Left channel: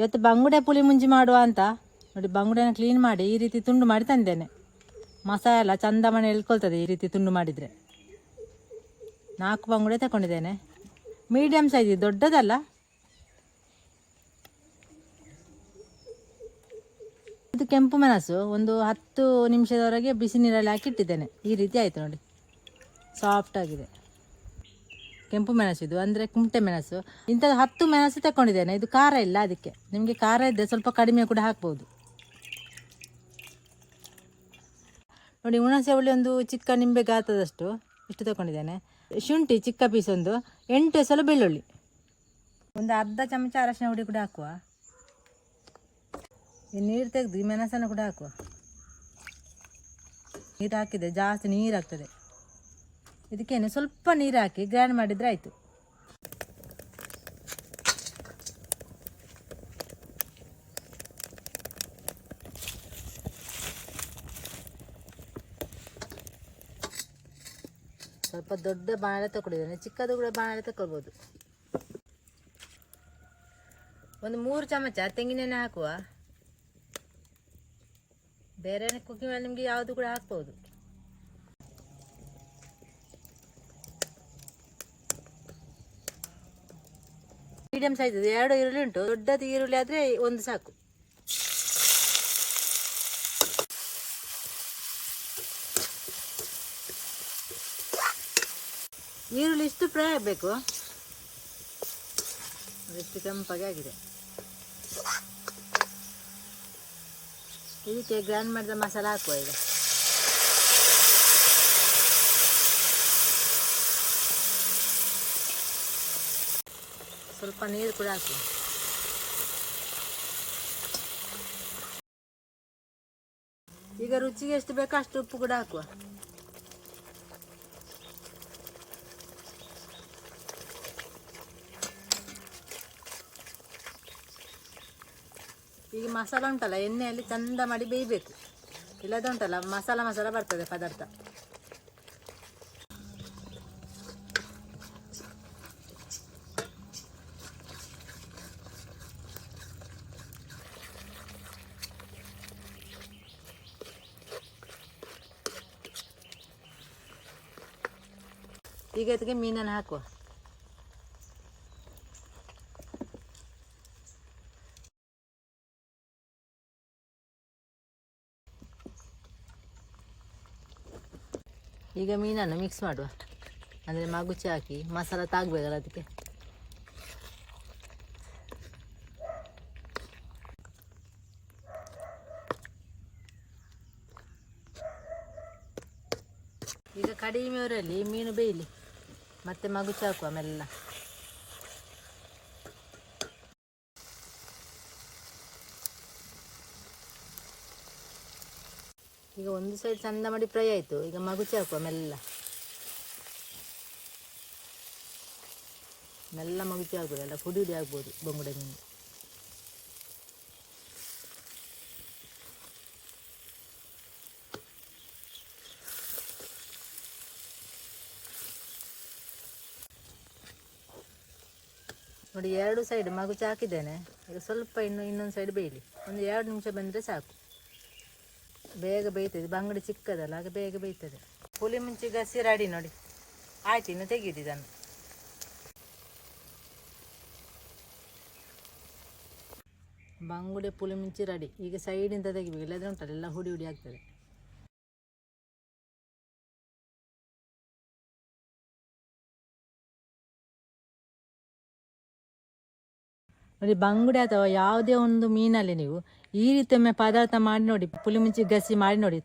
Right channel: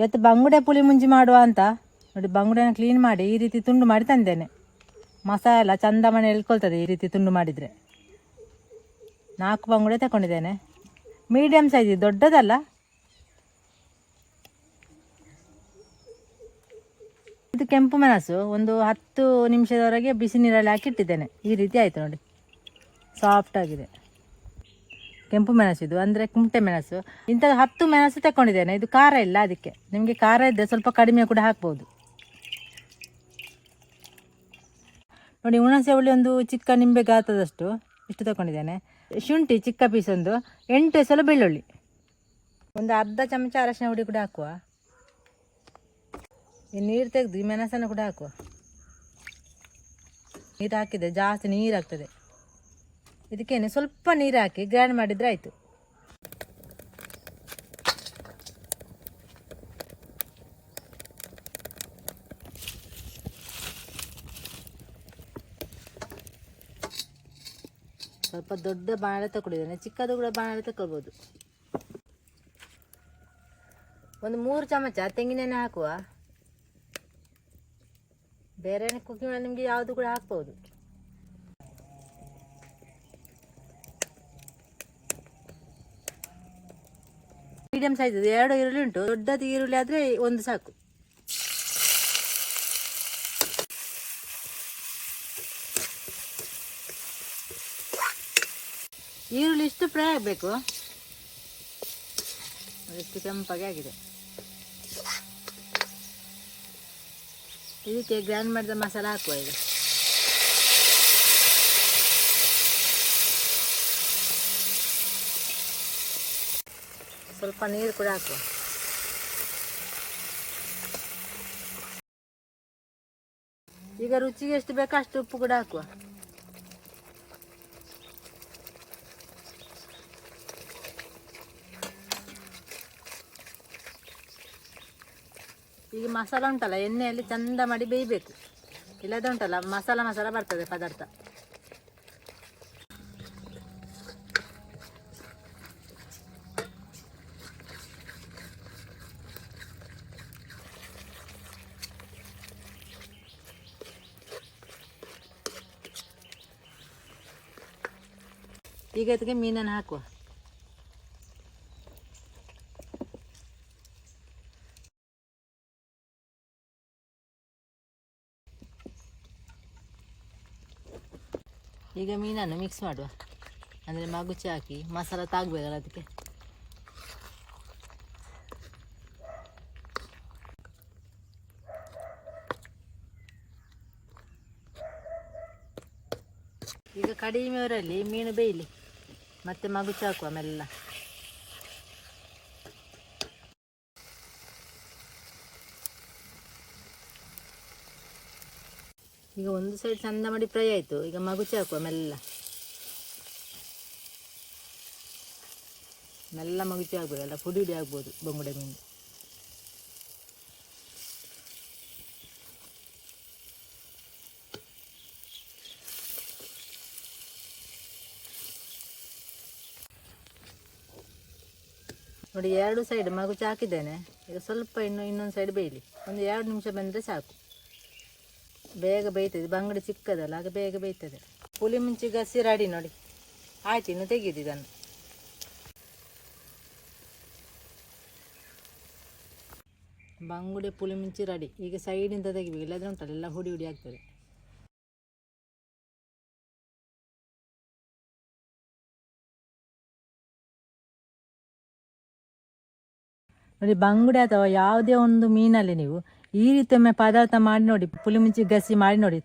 ಇವತ್ತು ಬಂಗುಡೆ ಪುಳಿ ಮುಂಜಿ ಮಾಡುವ ಅಂತ. ನೋಡಿ, ಬಂಗುಡೆನ ಕ್ಲೀನ್ ಮಾಡಿ ಈ ರೀತಿ ತುಂಡು ಮಾಡಿ ತಂದೇನೆ. ಮಸಾಲ ಚಂದ ಮನೆ ಎಳ್ಕೊಳ್ತದೆ ಈ ರೀತಿ ತುಂಡು ಮಾಡಿದರೆ. ನಾಲ್ಕು ಬಂಗುಡೆ ತಗೊಂಡಿದ್ದೇನೆ. ಮೀಡಿಯಮ್ ಸೈಜ್ ದೊಡ್ಡದಲ್ಲ. ಇದು ಕೆಂಪು ಮೆಣಸು, ಒಂದು ಹತ್ತು ನಿಮಿಷದವರೆಗೆ ಬಿಸಿ ನೀರಲ್ಲಿ ಹಾಕಿ ಇಟ್ಟಿದ್ದೇನೆ ಈ ರೀತಿ ಆಯಿತು ನೋಡಿ. ಸಾಫ್ಟ್ ಆಗಿದೆ. ಕೆಂಪು ಮೆಣಸು ಇದು ಅಂದರೆ ಕುಮಟೆ ಮೆಣಸು. ಇಂಥದ್ದು ಹತ್ತು ಮೆಣಸು ತಗೊಂಡಿದ್ದೇನೆ ಇದು ಖಾರ ಇಲ್ಲ ಅದಕ್ಕೆ. ನಿಮಗೆ ಖಾರ ಇದ್ದರೆ ಸ್ವಲ್ಪ ಕಡಿಮೆ ಕೂಡ ಹಾಕ್ಬೋದು. ನೋಡಿ, ಹುಣಸೆ ಹುಳಿ ಒಂದು ಚಿಕ್ಕ ನಿಂಬೆ ಗಾತ್ರದಷ್ಟು ಇಷ್ಟು ತಗೊಂಡಿದ್ದೇನೆ ಶುಂಠಿ ಚಿಕ್ಕ ಪೀಸ್ ಒಂದು, ಎಂಟು ಎಸಲು ಬೆಳ್ಳುಳ್ಳಿ. ಒಂದು ಅರ್ಧ ಚಮಚ ಅರಶಿನ ಹುಡಿ ಕೂಡ ಹಾಕುವ. ಈ ನೀರು ತೆಗೆದು ಮೆಣಸನ್ನು ಕೂಡ ಹಾಕುವ. ನೀರು ಹಾಕಿದೆ ಜಾಸ್ತಿ ನೀರು ಆಗ್ತದೆ. ಇದಕ್ಕೇನೆ ಸ್ವಲ್ಪ ನೀರು ಹಾಕಿ ಗ್ರೈಂಡ್ ಮಾಡಿದರೆ ಆಯಿತು. ಸ್ವಲ್ಪ ದೊಡ್ಡ ಬಾಣಲೆ ತಗೊಂಡಿದ್ದೇನೆ ಚಿಕ್ಕದು ಕೂಡ ಬಾಣಲೆ ತಗೊಳ್ಬೋದು ಒಂದು ಮೂರು ಚಮಚ ತೆಂಗಿನೆಣ್ಣೆ ಹಾಕುವ. ಬೇರೆ ಕುಕ್ಕಿಂಗ್ ನಿಮಗೆ ಯಾವುದು ಕೂಡ ಹಾಕ್ಬೋದು. ಮೀಡಿಯಂ ಸೈಜ್ ಎರಡು ಈರುಳ್ಳಿ ಉಂಟು. ದೊಡ್ಡದು ಈರುಳ್ಳಿ ಆದರೆ ಒಂದು ಸಾಕು. ಈರುಳ್ಳಿ ಇಷ್ಟು ಫ್ರೈ ಆಗಬೇಕು. ಎಷ್ಟು ಕೆಂಪಾಗಿ ಆಗಿದೆ. ಇದಕ್ಕೆ ಗ್ರ್ಯಾಂಡ್ ಮಾಡಿದ ಮಸಾಲ ಹಾಕುವ ಈಗ. ಸ್ವಲ್ಪ ನೀರು ಕೂಡ ಹಾಕಿ. ಈಗ ರುಚಿಗೆ ಎಷ್ಟು ಬೇಕೋ ಅಷ್ಟು ಉಪ್ಪು ಕೂಡ ಹಾಕುವ. ಈಗ ಮಸಾಲ ಉಂಟಲ್ಲ, ಎಣ್ಣೆಯಲ್ಲಿ ಚಂದ ಮಾಡಿ ಬೇಯಬೇಕು. ಇಲ್ಲದ ಉಂಟಲ್ಲ, ಮಸಾಲ ಮಸಾಲ ಬರ್ತದೆ ಪದಾರ್ಥ. ಈಗ ಇದಕ್ಕೆ ಮೀನನ್ನು ಹಾಕುವ ಈಗ ಮೀನನ್ನು ಮಿಕ್ಸ್ ಮಾಡುವ. ಅಂದರೆ ಮಗುಚಿ ಹಾಕಿ ಮಸಾಲ ತಾಗಬೇಕಲ್ಲ ಅದಕ್ಕೆ. ಈಗ ಕಡಿಮೆ ಊರಲ್ಲಿ ಮೀನು ಬೇಯಲಿ. ಮತ್ತೆ ಮಗುಚಿ ಹಾಕುವ ಮೆಲ್ಲ ಈಗ ಒಂದು ಸೈಡ್ ಚಂದ ಮಾಡಿ ಫ್ರೈ ಆಯಿತು. ಈಗ ಮಗುಚಿ ಹಾಕುವ ಮೆಲ್ಲ ಮೆಲ್ಲ ಮಗುಚಿ ಹಾಕುವ ಎಲ್ಲ ಪುಡಿ ಪುಡಿ ಆಗ್ಬೋದು ಬೊಂಗುಡೆ ಮೀನು. ನೋಡಿ, ಎರಡು ಸೈಡ್ ಮಗುಚಿ ಹಾಕಿದ್ದೇನೆ ಈಗ ಸ್ವಲ್ಪ ಇನ್ನು ಇನ್ನೊಂದು ಸೈಡ್ ಬೇಯಲಿ. ಒಂದು ಎರಡು ನಿಮಿಷ ಬಂದರೆ ಸಾಕು. ಬೇಗ ಬೇಯ್ತದೆ. ಬಂಗಡಿ ಚಿಕ್ಕದಲ್ಲ, ಆಗ ಬೇಗ ಬೇಯ್ತದೆ. ಪುಲಿ ಮುಂಚೆ ಗಸಿ ರೆಡಿ ನೋಡಿ. ಆಯ್ತು, ಇನ್ನು ತೆಗೀದು ಇದನ್ನು. ಬಂಗುಡೆ ಪುಲಿ ಮುಂಚಿ ರೆಡಿ. ಈಗ ಸೈಡಿಂದ ತೆಗಿಬೇಕು. ಇಲ್ಲದ್ರೆ ಉಂಟಲ್ಲ, ಎಲ್ಲ ಹುಡಿ ಹುಡಿ ಆಗ್ತದೆ. ನೋಡಿ, ಬಂಗುಡೆ ಅಥವಾ ಯಾವುದೇ ಒಂದು ಮೀನಲ್ಲಿ ನೀವು ಈ ರೀತಿ ಒಮ್ಮೆ ಪದಾರ್ಥ ಮಾಡಿ ನೋಡಿ, ಪುಳಿಮುಂಚಿ ಗಸಿ ಮಾಡಿ ನೋಡಿ.